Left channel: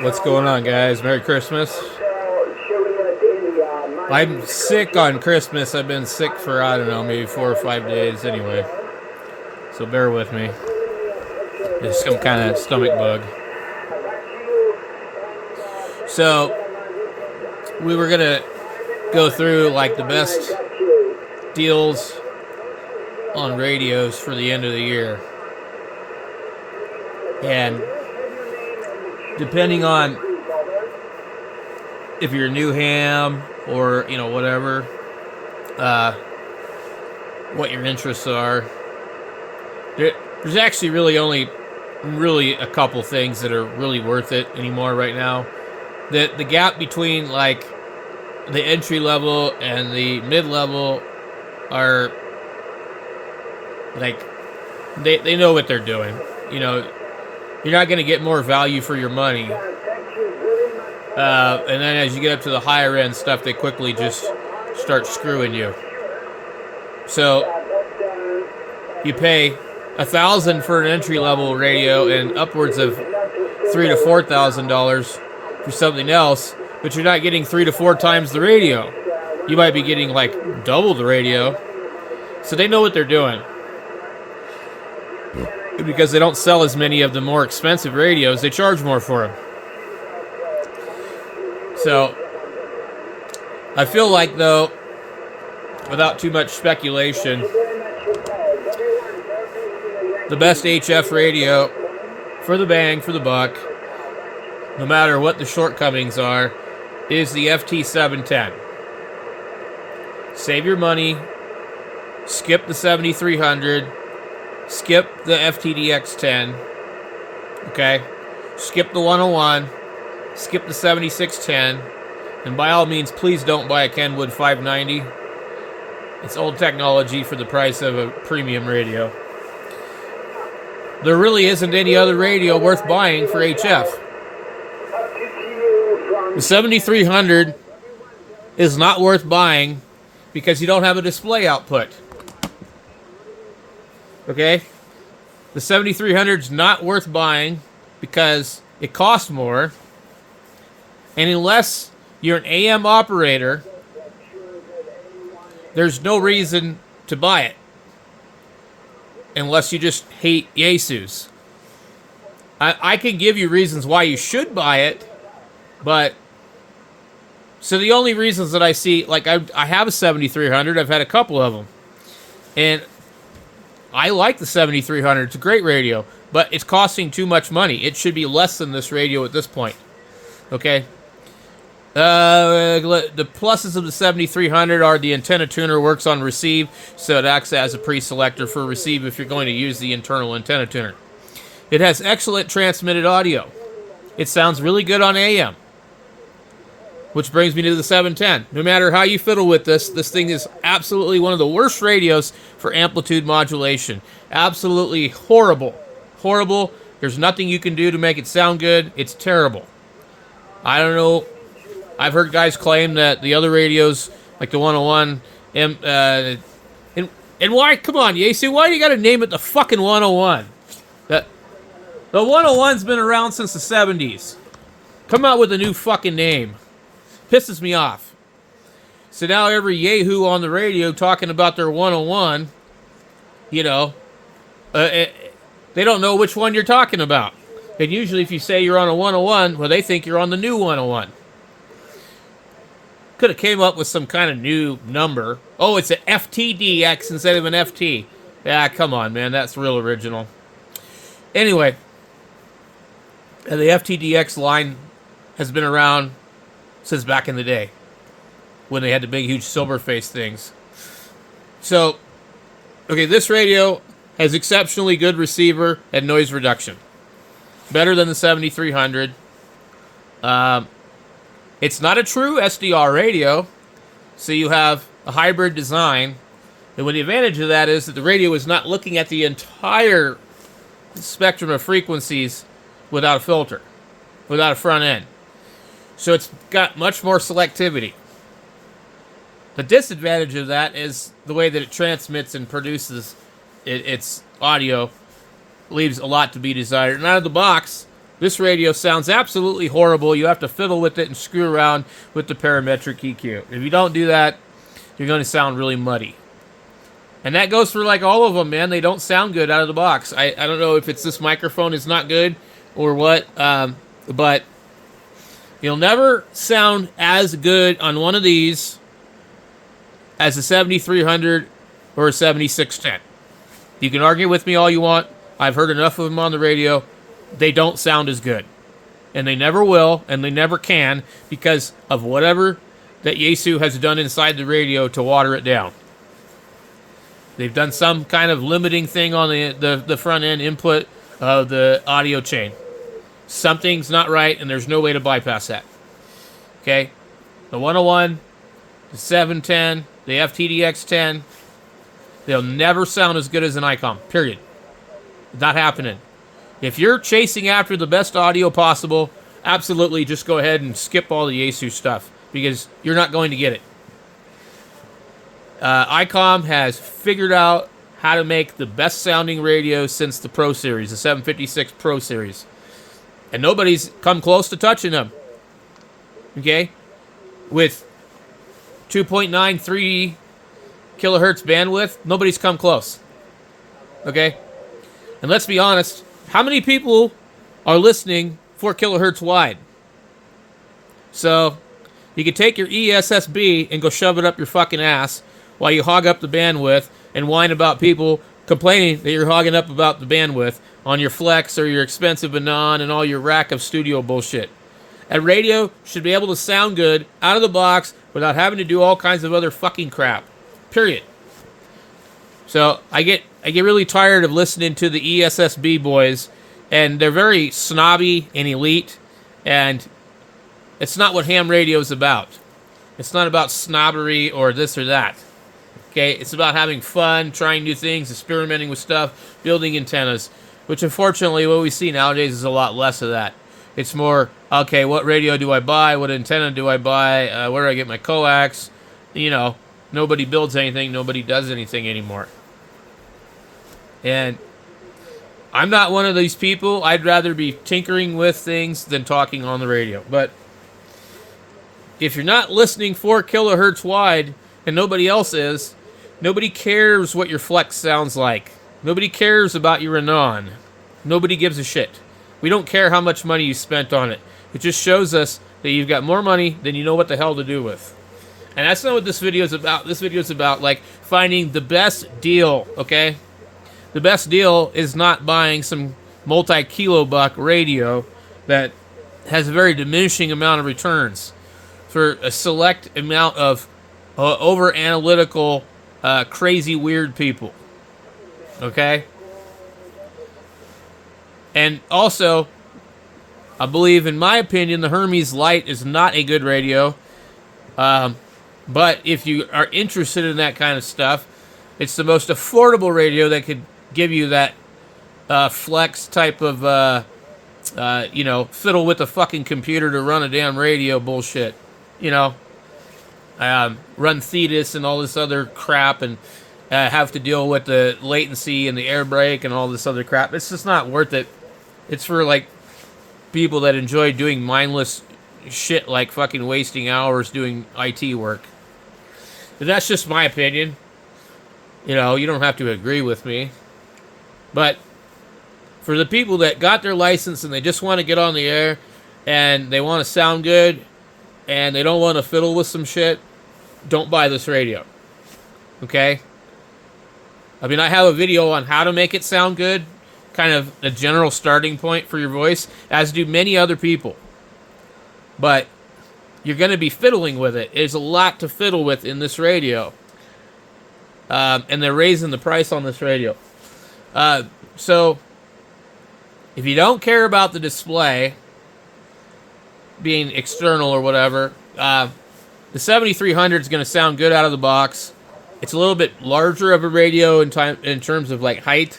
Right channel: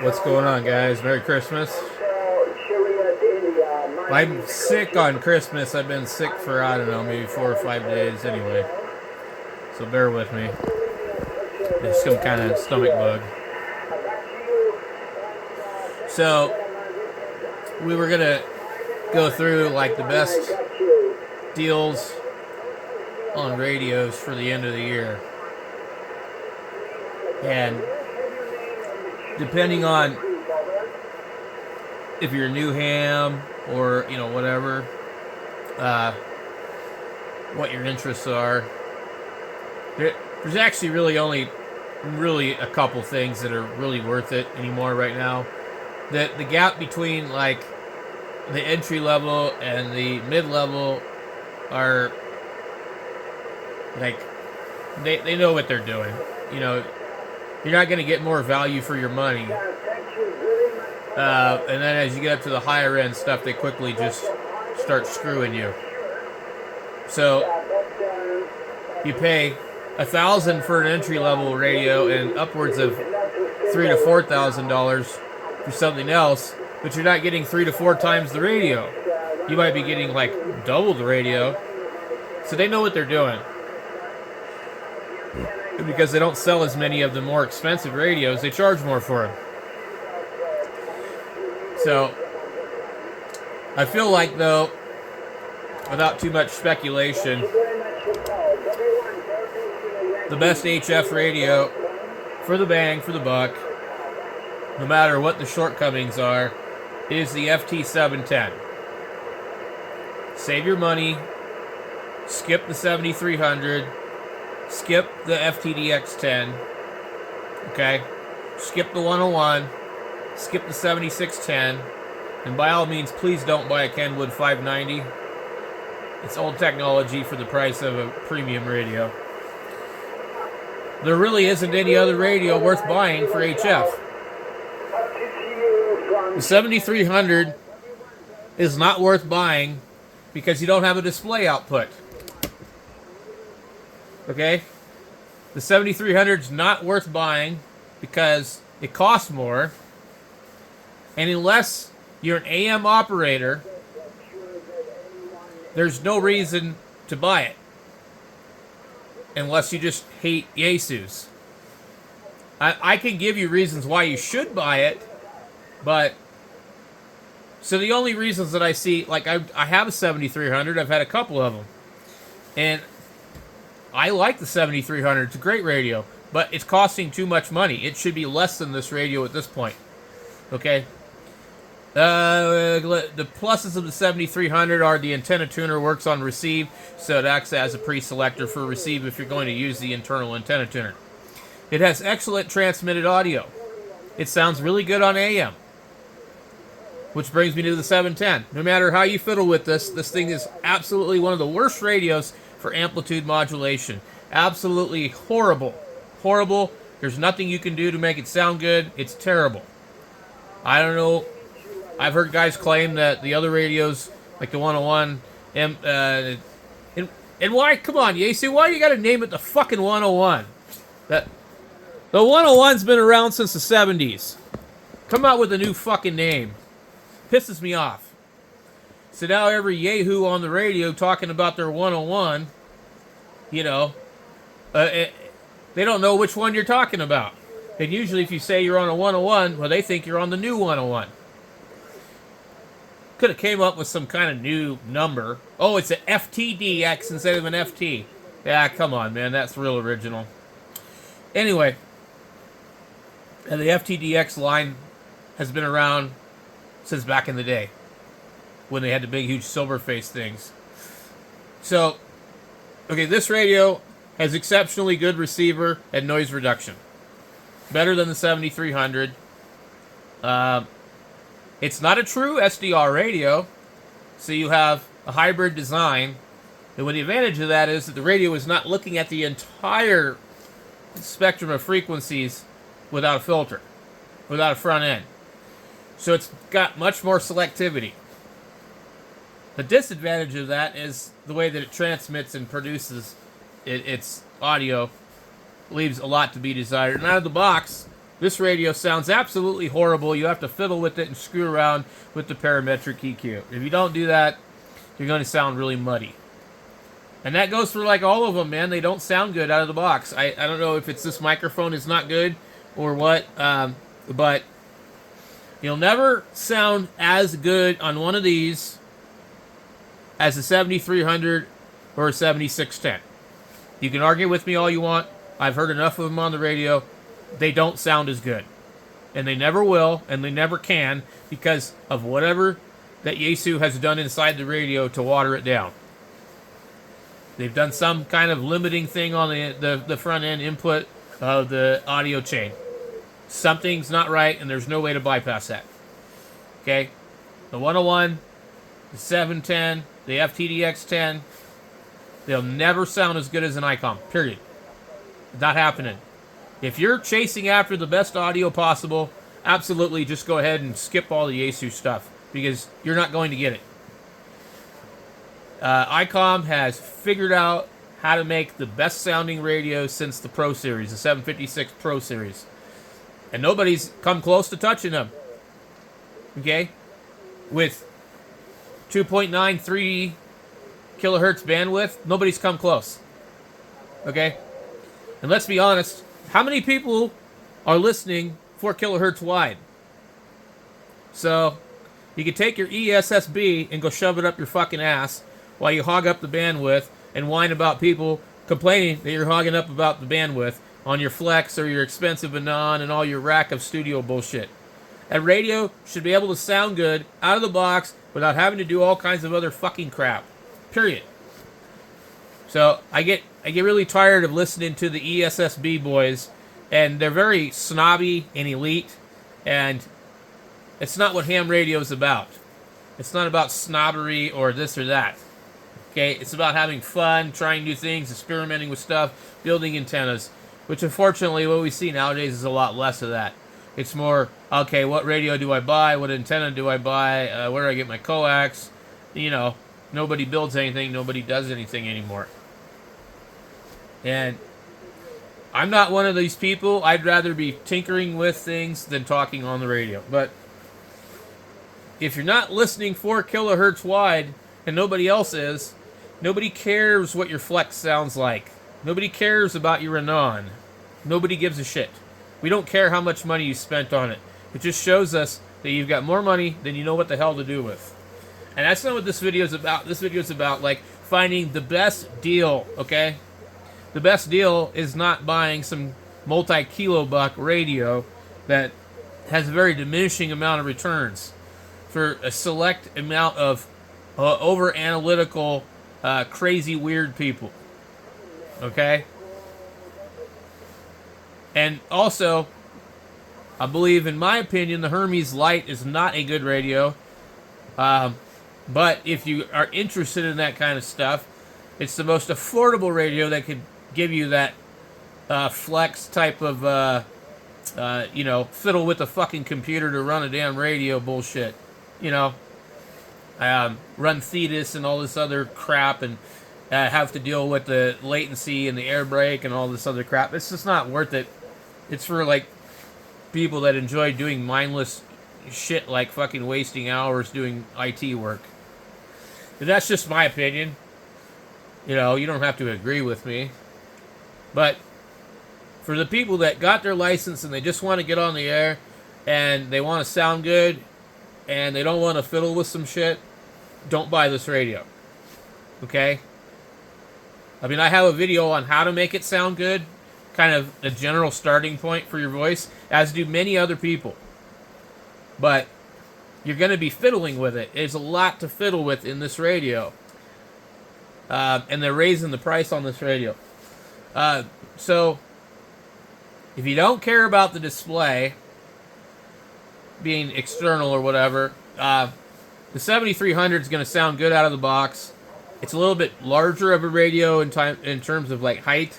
What's going on, guys? Merry Christmas. I'm sick on Christmas. I've been sick for, I don't know, maybe 4 or 5 days anyway. So bear with me. It's some kind of stomach bug. So, we were going to go through like the best deals on radios for the end of the year. And depending on if you're a new ham or, whatever, what your interests are, there's actually really a couple things that are really worth it anymore right now. The gap between like the entry level and the mid level are like they know what they're doing. You're not going to get more value for your money. And then as you get up to the higher end stuff, they quickly just start screwing you. So you pay $1,000 for an entry level radio and upwards of $3,000 to $4,000 for something else, but you're not getting 3 to 4 times the radio. You might be getting like double the radio. So they know what they're doing. Because they don't sell as many of the more expensive radios, they charge more for them. So, I feel like, though, without too much speculation, the best HF radio for the bang, for the buck, no matter what the shortcomings are, is the FT710. Save your money, skip the 7300, skip the FTDX10, okay? Skip the 101, skip the 7610, and by all means, please don't buy a Kenwood 590. It's old technology for the price of a premium radio. There really isn't any other radio worth buying for HF. The 7300 is not worth buying because you don't have a display output. Okay? The 7300 is not worth buying because it costs more. And unless you're an AM operator, there's no reason to buy it. Unless you just hate yasus. I can give you reasons why you should buy it, but so the only reasons that I see, like I have a 7300, I've had a couple of them. And I like the 7300. It's a great radio, but it's costing too much money. It should be less than this radio at this point. Okay? The pluses of the 7300 are the antenna tuner works on receive, so it acts as a pre-selector for receive if you're going to use the internal antenna tuner. It has excellent transmitted audio. It sounds really good on AM. Which brings me to the 710. No matter how you fiddle with this thing is absolutely one of the worst radios for amplitude modulation. Absolutely horrible. Horrible. There's nothing you can do to make it sound good. It's terrible. I don't know. I've heard guys claim that the other radios, like the 101, and why? Come on, Yasu, why do you got to name it the fucking 101? The 101's been around since the 70s. Come out with a new fucking name. Pisses me off. So now every yahoo on the radio talking about their 101, they don't know which one you're talking about. And usually if you say you're on a 101, well, they think you're on the new 101. Could have came up with some kind of new number. Oh, it's an FTDX instead of an FT. Yeah, come on, man. That's real original. Anyway, the FTDX line has been around since back in the day when they had the big, huge silver face things. So, okay, this radio has exceptionally good receiver and noise reduction. Better than the 7300. It's not a true SDR radio, so you have a hybrid design. And the advantage of that is that the radio is not looking at the entire spectrum of frequencies without a filter, without a front end. So it's got much more selectivity. The disadvantage of that is the way that it transmits and produces its audio leaves a lot to be desired. And out of the box, This radio sounds absolutely horrible. You have to fiddle with it and screw around with the parametric EQ. If you don't do that, you're going to sound really muddy. And that goes for like all of them, man. They don't sound good out of the box. I don't know if it's this microphone is not good or what, but you'll never sound as good on one of these as a 7300 or a 7610. You can argue with me all you want. I've heard enough of them on the radio. They don't sound as good. And they never will, and they never can, because of whatever that Yasu has done inside the radio to water it down. They've done some kind of limiting thing on the front end input of the audio chain. Something's not right, and there's no way to bypass that. Okay? The 101, the 710, the FTDX10, they'll never sound as good as an Icom, period. Not happening. If you're chasing after the best audio possible, absolutely just go ahead and skip all the Yasu stuff, because you're not going to get it. Icom has figured out how to make the best sounding radio since the Pro Series, the 756 Pro Series. And nobody's come close to touching them. Okay? With 2.93 kilohertz bandwidth, nobody's come close. Okay? And let's be honest, how many people are listening 4 kilohertz wide? So, you can take your ESSB and go shove it up your fucking ass while you hog up the bandwidth and whine about people complaining that you're hogging up about the bandwidth on your Flex or your expensive Anon and all your rack of studio bullshit. A radio should be able to sound good out of the box without having to do all kinds of other fucking crap. Period. So I get really tired of listening to the ESSB boys, and they're very snobby and elite, and it's not what ham radio is about. It's not about snobbery or this or that. Okay, it's about having fun, trying new things, experimenting with stuff, building antennas, which unfortunately what we see nowadays is a lot less of that. It's more, okay, what radio do I buy? What antenna do I buy? Where do I get my coax? You know, nobody builds anything. Nobody does anything anymore. And I'm not one of these people. I'd rather be tinkering with things than talking on the radio. But if you're not listening 4 kilohertz wide and nobody else is, nobody cares what your Flex sounds like. Nobody cares about your Anon. Nobody gives a shit. We don't care how much money you spent on it. It just shows us that you've got more money than you know what the hell to do with. And that's not what this video is about. This video is about, like, finding the best deal, okay? The best deal is not buying some multi-kilobuck radio that has a very diminishing amount of returns for a select amount of over-analytical, crazy, weird people. Okay? And also, I believe, in my opinion, the Hermes Lite is not a good radio. But if you are interested in that kind of stuff, it's the most affordable radio that could give you that Flex type of, fiddle with the fucking computer to run a damn radio bullshit. You know, run Thetis and all this other crap, and have to deal with the latency and the air brake and all this other crap. It's just not worth it. It's for, like, people that enjoy doing mindless shit like fucking wasting hours doing IT work. But that's just my opinion. You know, you don't have to agree with me. But for the people that got their license and they just want to get on the air and they want to sound good and they don't want to fiddle with some shit, don't buy this radio. Okay? I mean, I have a video on how to make it sound good, kind of a general starting point for your voice, as do many other people. But you're going to be fiddling with it. There's a lot to fiddle with in this radio. And they're raising the price on this radio. So, if you don't care about the display being external or whatever, the 7300 is going to sound good out of the box. It's a little bit larger of a radio in terms of, like, height.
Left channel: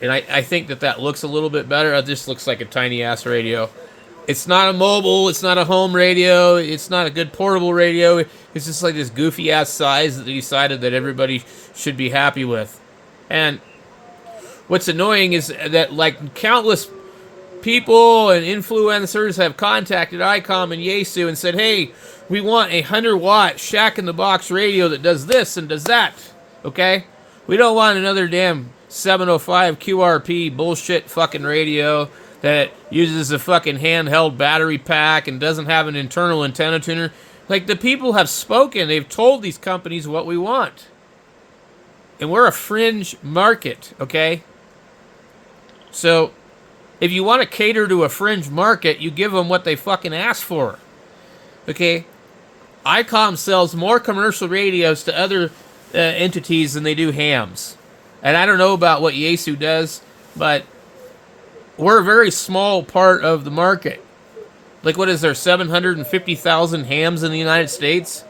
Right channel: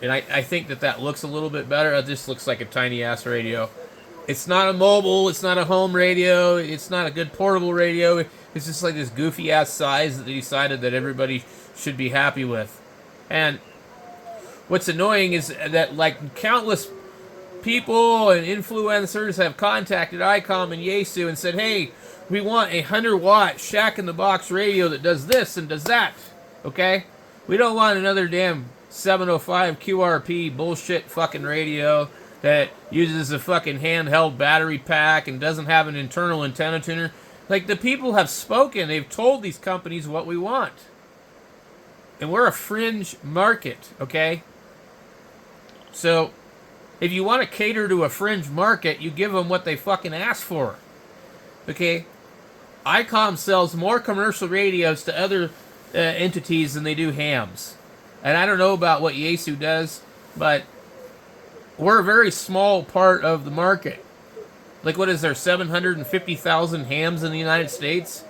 And I think that looks a little bit better. It just looks like a tiny-ass radio. It's not a mobile. It's not a home radio. It's not a good portable radio. It's just like this goofy-ass size that they decided that everybody should be happy with. And what's annoying is that, like, countless people and influencers have contacted Icom and Yasu and said, hey, we want a 100-watt shack-in-the-box radio that does this and does that, okay? We don't want another damn 705 QRP bullshit fucking radio that uses a fucking handheld battery pack and doesn't have an internal antenna tuner. Like, the people have spoken. They've told these companies what we want. And we're a fringe market, okay? So, if you want to cater to a fringe market, you give them what they fucking ask for. Okay? Icom sells more commercial radios to other entities than they do hams. And I don't know about what Yasu does, but we're a very small part of the market. Like, what is there, 750,000 hams in the United States?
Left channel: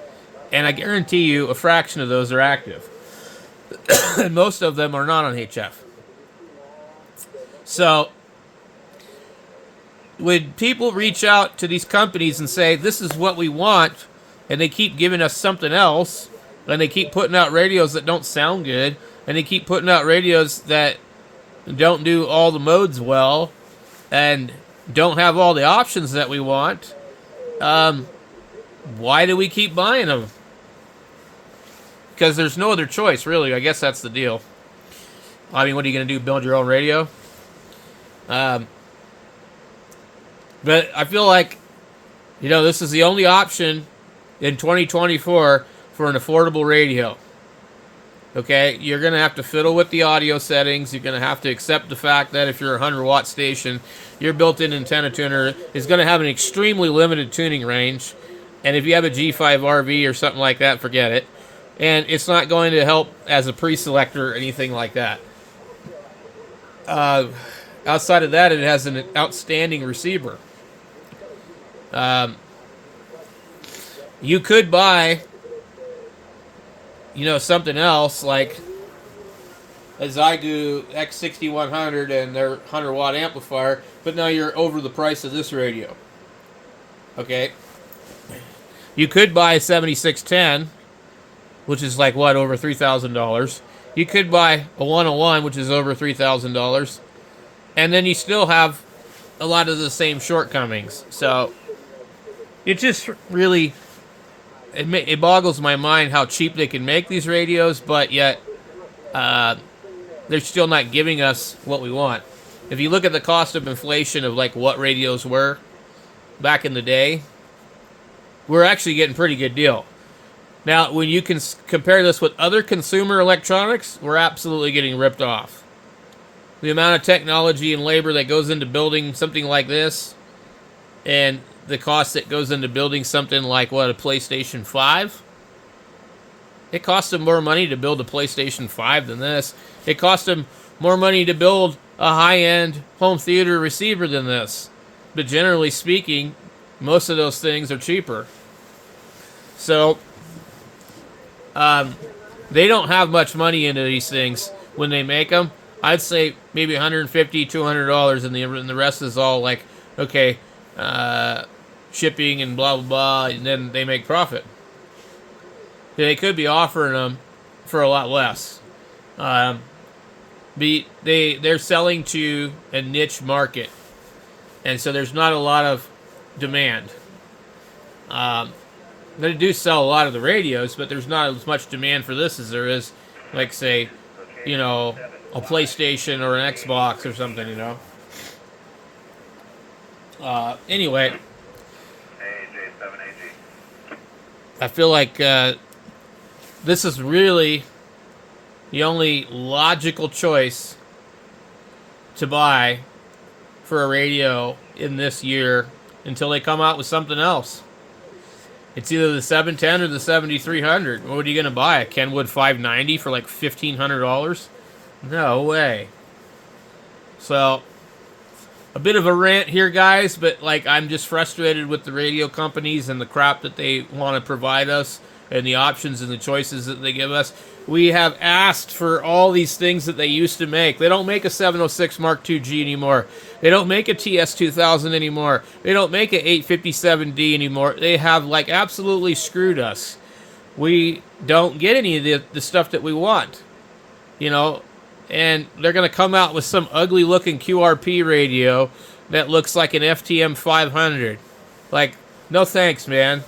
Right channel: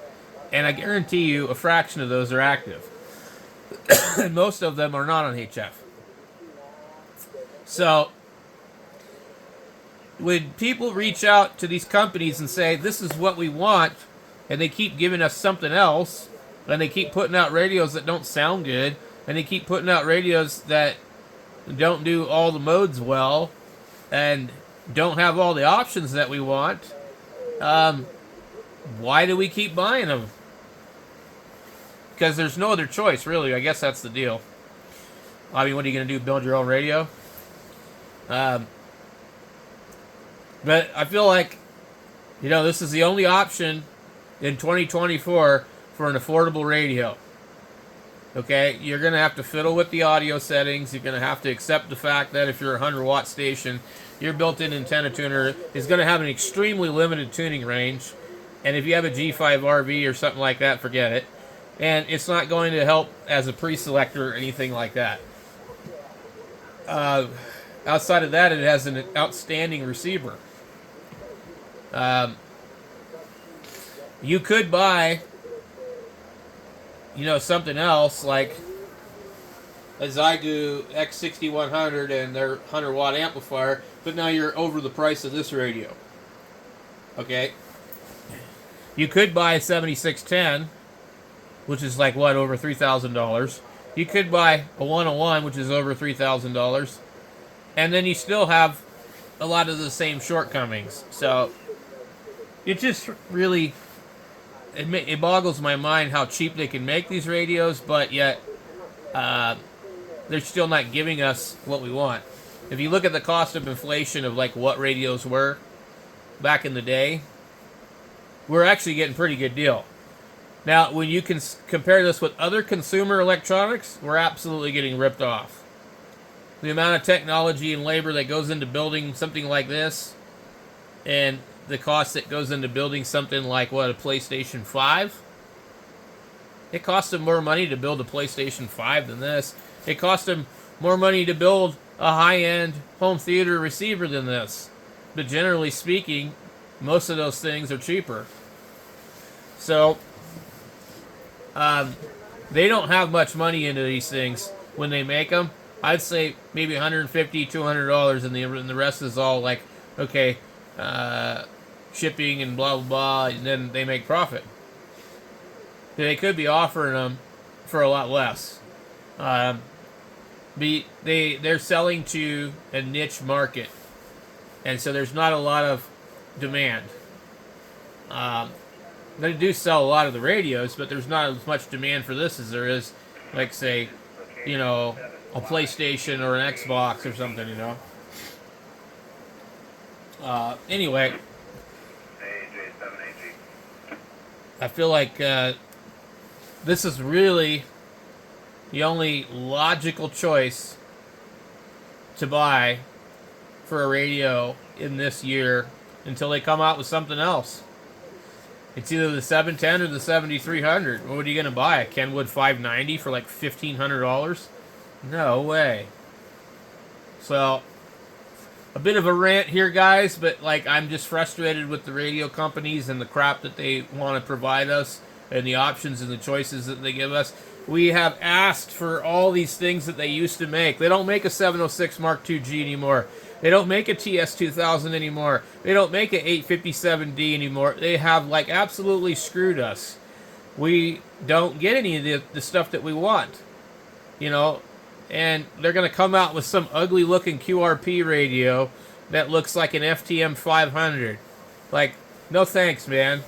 And I guarantee you a fraction of those are active. And most of them are not on HF. So, when people reach out to these companies and say, this is what we want, and they keep giving us something else, and they keep putting out radios that don't sound good, and they keep putting out radios that don't do all the modes well, and don't have all the options that we want, why do we keep buying them? Because there's no other choice, really. I guess that's the deal. I mean, what are you going to do, build your own radio? But I feel like, you know, this is the only option in 2024 for an affordable radio. Okay, you're going to have to fiddle with the audio settings. You're going to have to accept the fact that if you're a 100-watt station, your built-in antenna tuner is going to have an extremely limited tuning range. And if you have a G5RV or something like that, forget it. And it's not going to help as a pre-selector or anything like that. Outside of that, it has an outstanding receiver. You could buy, you know, something else like a Zygu X6100 and their 100-watt amplifier, but now you're over the price of this radio. Okay? You could buy a 7610, which is like, what, over $3,000. You could buy a 101, which is over $3,000. And then you still have a lot of the same shortcomings. So, it just really, it boggles my mind how cheap they can make these radios, but yet they're still not giving us what we want. If you look at the cost of inflation of like what radios were back in the day, we're actually getting a pretty good deal. Now, when you can compare this with other consumer electronics, we're absolutely getting ripped off. The amount of technology and labor that goes into building something like this, and the cost that goes into building something like, what, a PlayStation 5? It cost them more money to build a PlayStation 5 than this. It cost them more money to build a high-end home theater receiver than this. But generally speaking, most of those things are cheaper. So, they don't have much money into these things when they make them. I'd say maybe $150, $200, and the rest is all like, okay, shipping and blah, blah, blah, and then they make profit. They could be offering them for a lot less. They're selling to a niche market, and so there's not a lot of demand. They do sell a lot of the radios, but there's not as much demand for this as there is, like, say, you know, a PlayStation or an Xbox or something, you know. Anyway, I feel like this is really the only logical choice to buy for a radio in this year until they come out with something else. It's either the 710 or the 7300. What are you going to buy? A Kenwood 590 for like $1,500? No way. So, a bit of a rant here, guys, but like I'm just frustrated with the radio companies and the crap that they want to provide us and the options and the choices that they give us. We have asked for all these things that they used to make. They don't make a 706 Mark II-G anymore. They don't make a TS2000 anymore. They don't make an 857D anymore. They have like absolutely screwed us. We don't get any of the stuff that we want, you know. And they're going to come out with some ugly looking QRP radio that looks like an FTM 500. Like, no thanks, man.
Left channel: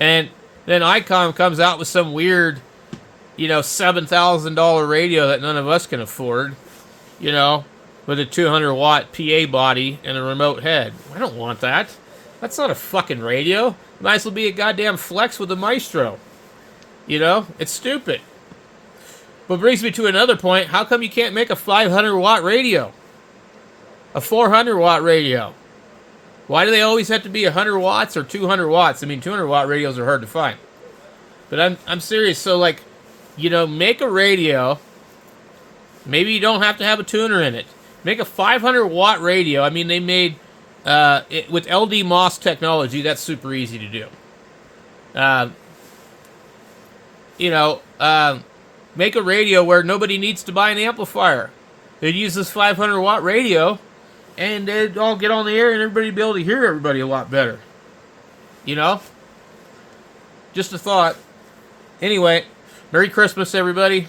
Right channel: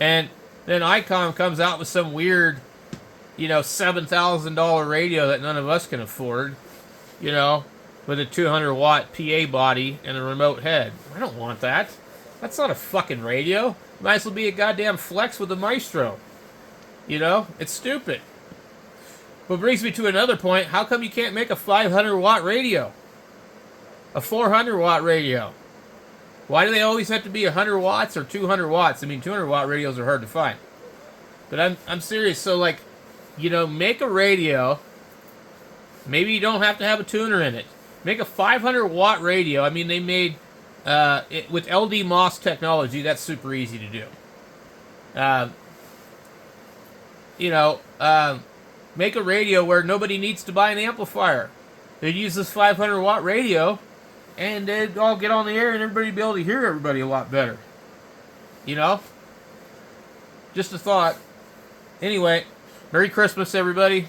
And then Icom comes out with some weird, $7,000 radio that none of us can afford, with a 200 watt PA body and a remote head. I don't want that. That's not a fucking radio. Might as well be a goddamn Flex with a Maestro. It's stupid. But brings me to another point. How come you can't make a 500 watt radio? A 400 watt radio? Why do they always have to be 100 watts or 200 watts? I mean, 200 watt radios are hard to find. But I'm serious. So, make a radio. Maybe you don't have to have a tuner in it. Make a 500 watt radio. I mean, they made it with LD MOS technology. That's super easy to do. Make a radio where nobody needs to buy an amplifier. They'd use this 500 watt radio, and they'd all get on the air, and everybody would be able to hear everybody a lot better. Just a thought. Anyway, Merry Christmas, everybody.